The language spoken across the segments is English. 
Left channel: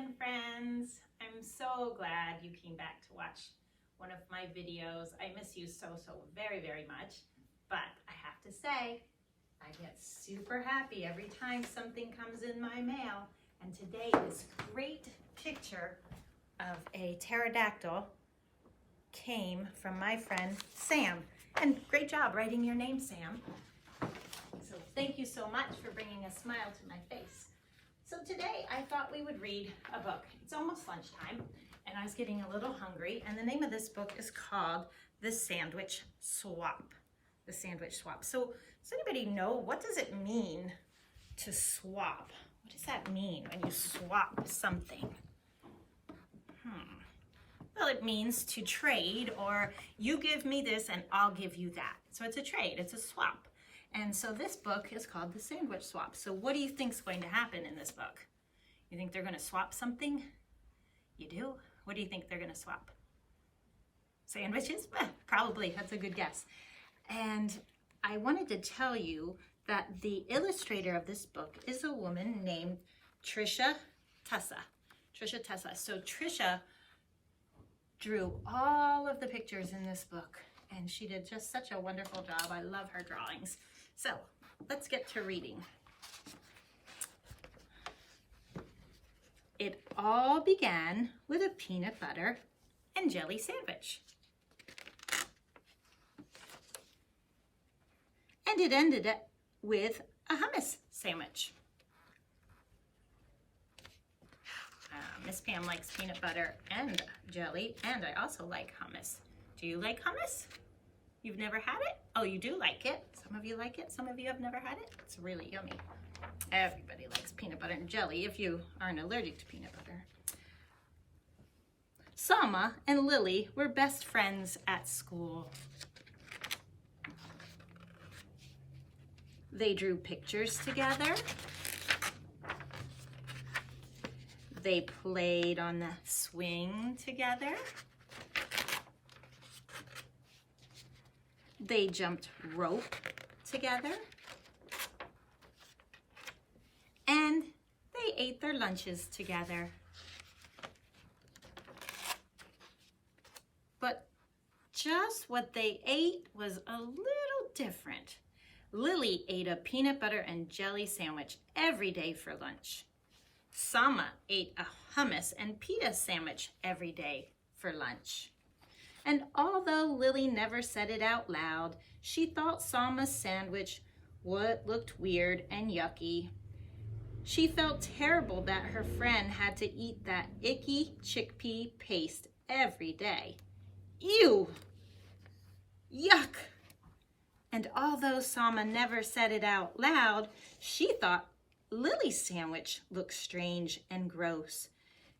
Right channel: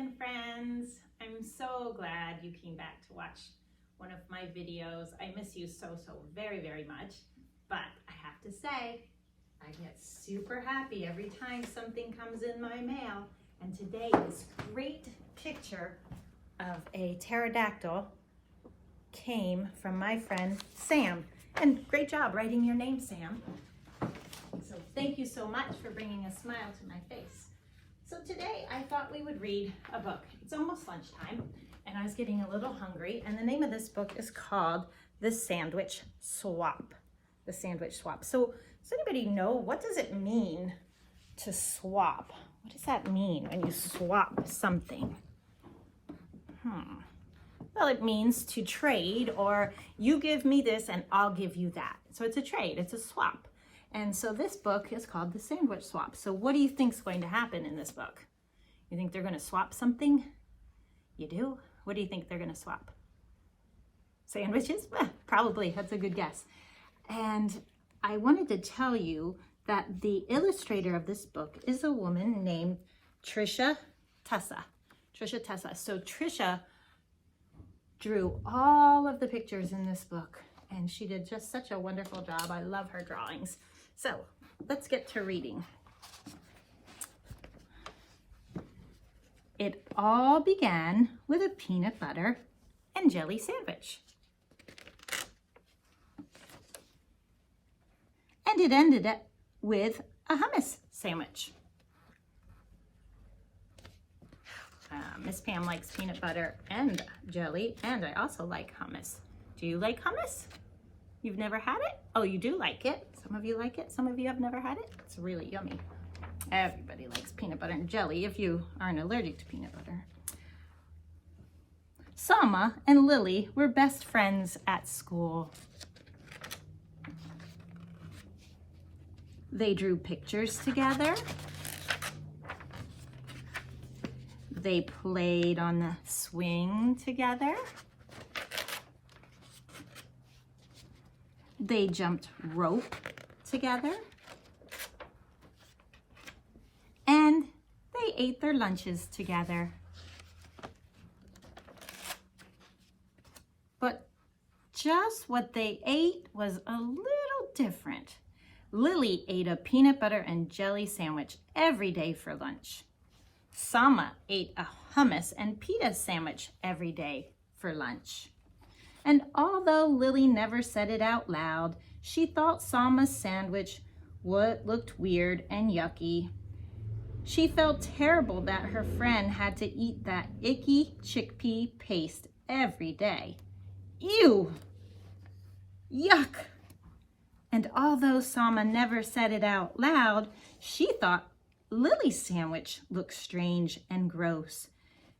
again, friends. I'm so glad you came back to watch one of my videos. I miss you so very, very much. But I have to say, I get super happy every time something comes in my mail. And today, this great picture of a pterodactyl came from my friend Sam. And great job writing your name, Sam. So thank you so much for bringing a smile to my face. So today I thought we would read a book. It's almost lunchtime and I was getting a little hungry, and the name of this book is called The Sandwich Swap. The Sandwich Swap. So does anybody know, what does it mean to swap? What does that mean when you swap something? Well, it means to trade, or you give me this and I'll give you that. So it's a trade, it's a swap. And so this book is called The Sandwich Swap. So what do you think is going to happen in this book? You think they're going to swap something? You do? What do you think they're going to swap? Sandwiches? Well, probably. That's a good guess. And I wanted to tell you that the illustrator of this book is a woman named Tricia Tessa. Tricia Tessa. So Tricia drew all of the pictures in this book, and she did just such a wonderful job. I love her drawings. So let's get to reading. It all began with a peanut butter and jelly sandwich. And it ended up with a hummus sandwich. Miss Pam likes peanut butter and jelly, and I also like hummus. Do you like hummus? You've never had it? Oh, you do like it. Some of you like it. Some of you have never had it. It's really yummy. Everybody likes peanut butter and jelly if you aren't allergic to peanut butter. Sama and Lily were best friends at school. They drew pictures together. They played on the swing together. They jumped rope together. And they ate their lunches together. But just what they ate was a little different. Lily ate a peanut butter and jelly sandwich every day for lunch. Sama ate a hummus and pita sandwich every day for lunch. And although Lily never said it out loud, she thought Sama's sandwich looked weird and yucky. She felt terrible that her friend had to eat that icky chickpea paste every day. Ew! Yuck! And although Sama never said it out loud, she thought Lily's sandwich looked strange and gross.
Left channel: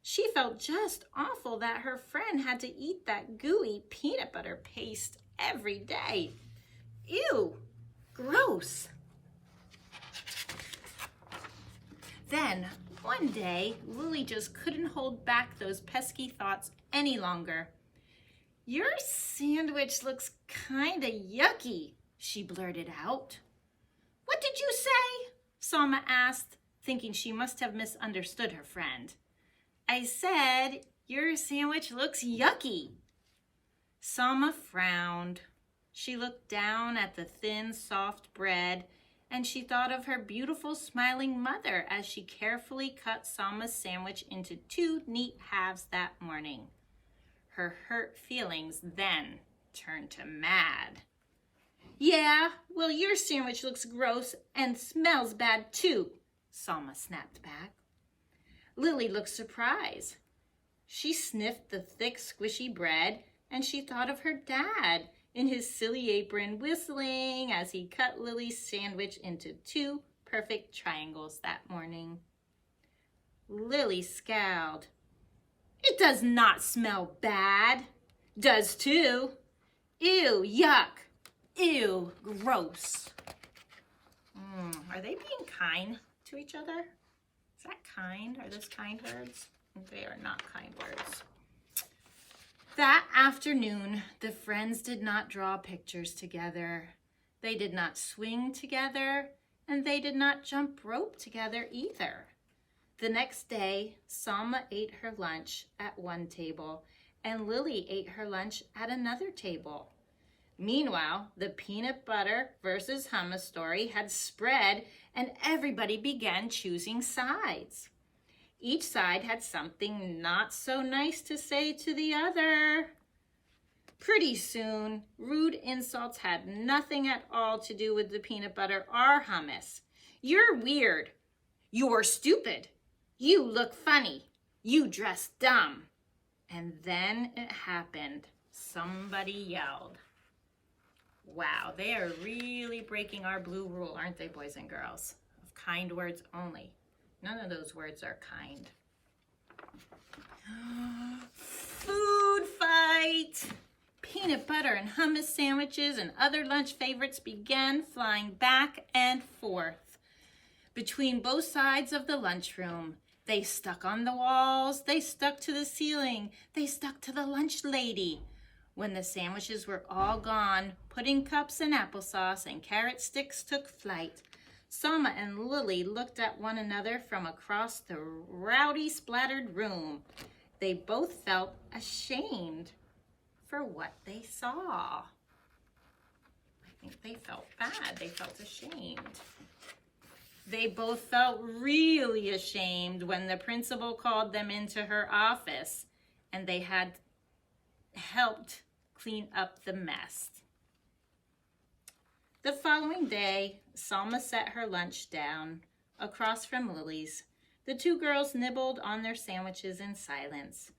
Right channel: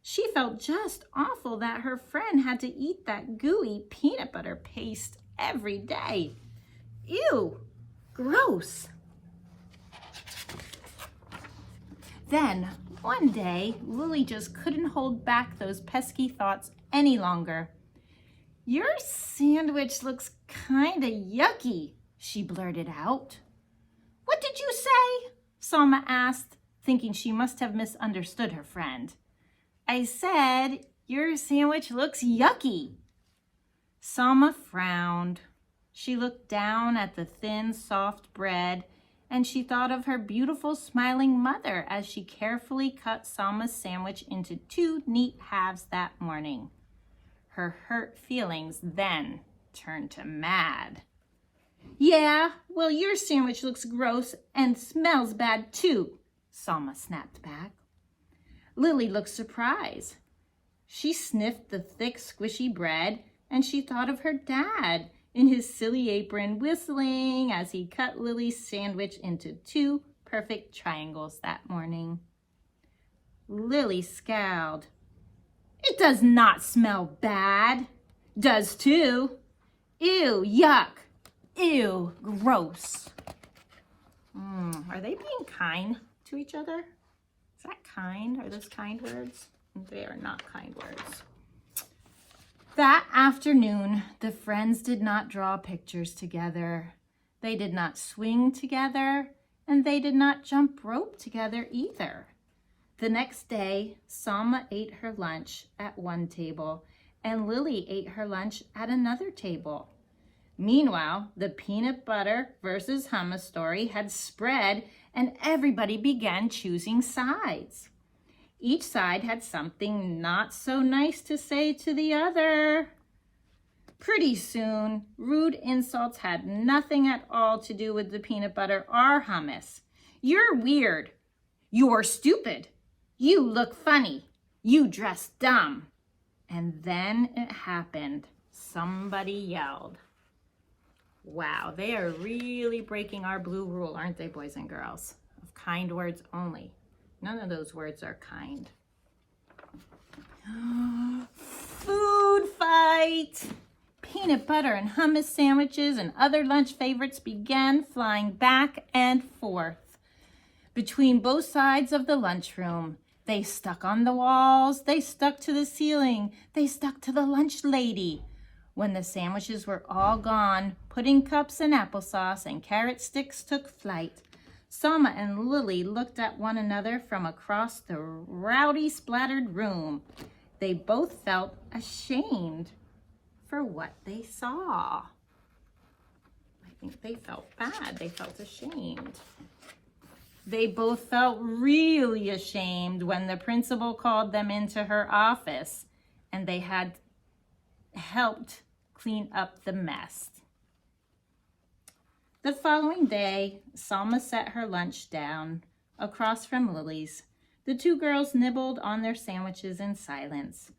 She felt just awful that her friend had to eat that gooey peanut butter paste every day. Ew, gross. Then, one day, Lily just couldn't hold back those pesky thoughts any longer. "Your sandwich looks kinda yucky," she blurted out. "What did you say?" Sama asked, thinking she must have misunderstood her friend. "I said, your sandwich looks yucky." Sama frowned. She looked down at the thin, soft bread, and she thought of her beautiful, smiling mother as she carefully cut Sama's sandwich into 2 neat halves that morning. Her hurt feelings then turned to mad. "Yeah, well, your sandwich looks gross and smells bad too," Sama snapped back. Lily looked surprised. She sniffed the thick, squishy bread, and she thought of her dad in his silly apron, whistling as he cut Lily's sandwich into 2 perfect triangles that morning. Lily scowled. "It does not smell bad." "Does too." "Ew, yuck. Ew, gross." Are they being kind to each other? Is that kind? Are those kind words? They are not kind words. That afternoon, the friends did not draw pictures together. They did not swing together, and they did not jump rope together either. The next day, Selma ate her lunch at one table and Lily ate her lunch at another table. Meanwhile, the peanut butter versus hummus story had spread and everybody began choosing sides. Each side had something not so nice to say to the other. Pretty soon, rude insults had nothing at all to do with the peanut butter or hummus. You're weird. You are stupid. You look funny. You dress dumb. And then it happened. Somebody yelled. Wow, they are really breaking our blue rule, aren't they, boys and girls? Of kind words only. None of those words are kind. Food fight! Peanut butter and hummus sandwiches and other lunch favorites began flying back and forth between both sides of the lunchroom. They stuck on the walls, they stuck to the ceiling, they stuck to the lunch lady. When the sandwiches were all gone, pudding cups and applesauce and carrot sticks took flight. Selma and Lily looked at one another from across the rowdy, splattered room. They both felt ashamed for what they saw. I think they felt bad. They felt ashamed. They both felt really ashamed when the principal called them into her office and they had helped clean up the mess. The following day, Selma set her lunch down across from Lily's. The two girls nibbled on their sandwiches in silence.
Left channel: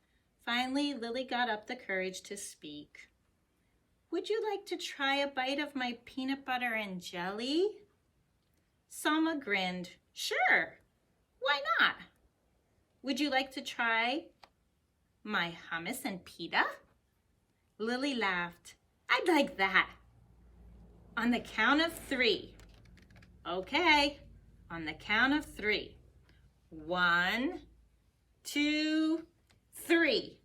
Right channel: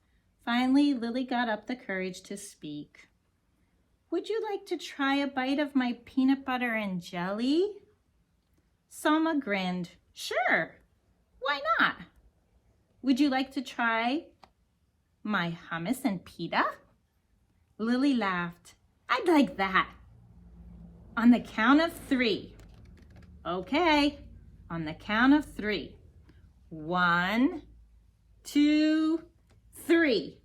Finally, Lily got up the courage to speak. Would you like to try a bite of my peanut butter and jelly? Selma grinned. Sure, why not? Would you like to try my hummus and pita? Lily laughed. I'd like that. On the count of 3. Okay, on the count of 3. 1, 2, 3.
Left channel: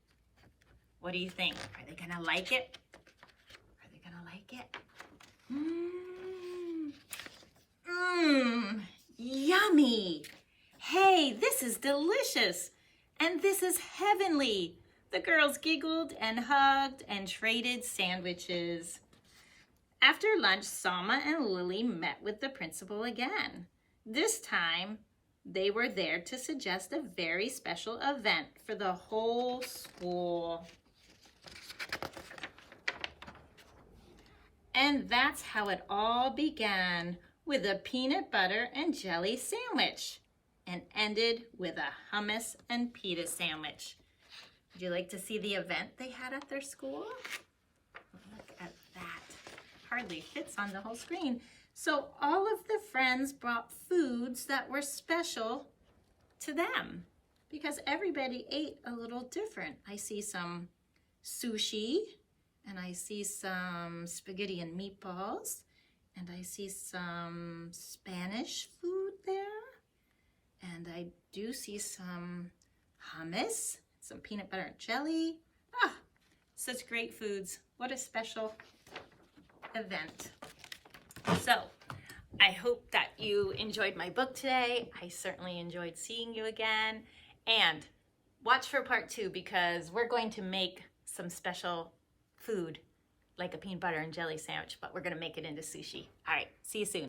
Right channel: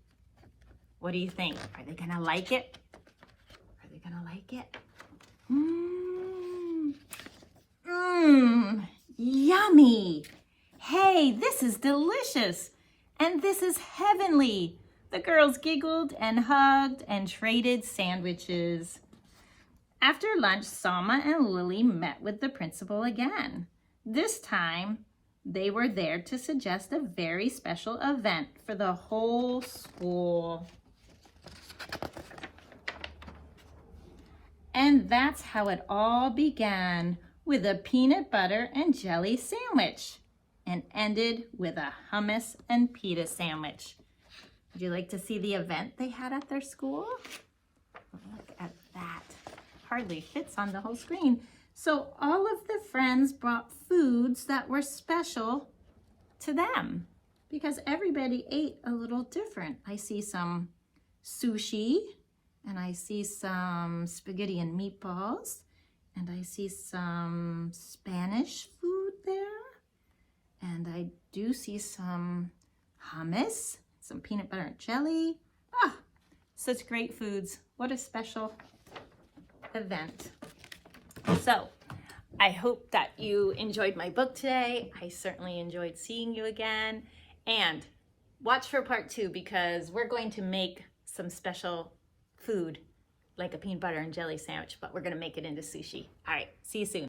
What do you think? Are they gonna like it? Are they gonna like it? Yummy. Hey, this is delicious. And this is heavenly. The girls giggled and hugged and traded sandwiches. After lunch, Selma and Lily met with the principal again. This time, they were there to suggest a very special event for the whole school. And that's how it all began, with a peanut butter and jelly sandwich, and ended with a hummus and pita sandwich. Would you like to see the event they had at their school? Look at that. Hardly fits on the whole screen. So all of the friends brought foods that were special to them because everybody ate a little different. I see some sushi, and I see some spaghetti and meatballs, and I see some Spanish food there, and I do see some hummus, some peanut butter and jelly. Ah, such great foods. What a special event. So I hope that you enjoyed my book today. I certainly enjoyed seeing you again. And watch for part 2 because we're going to make some special food like a peanut butter and jelly sandwich, but we're going to make it into sushi. All right, see you soon.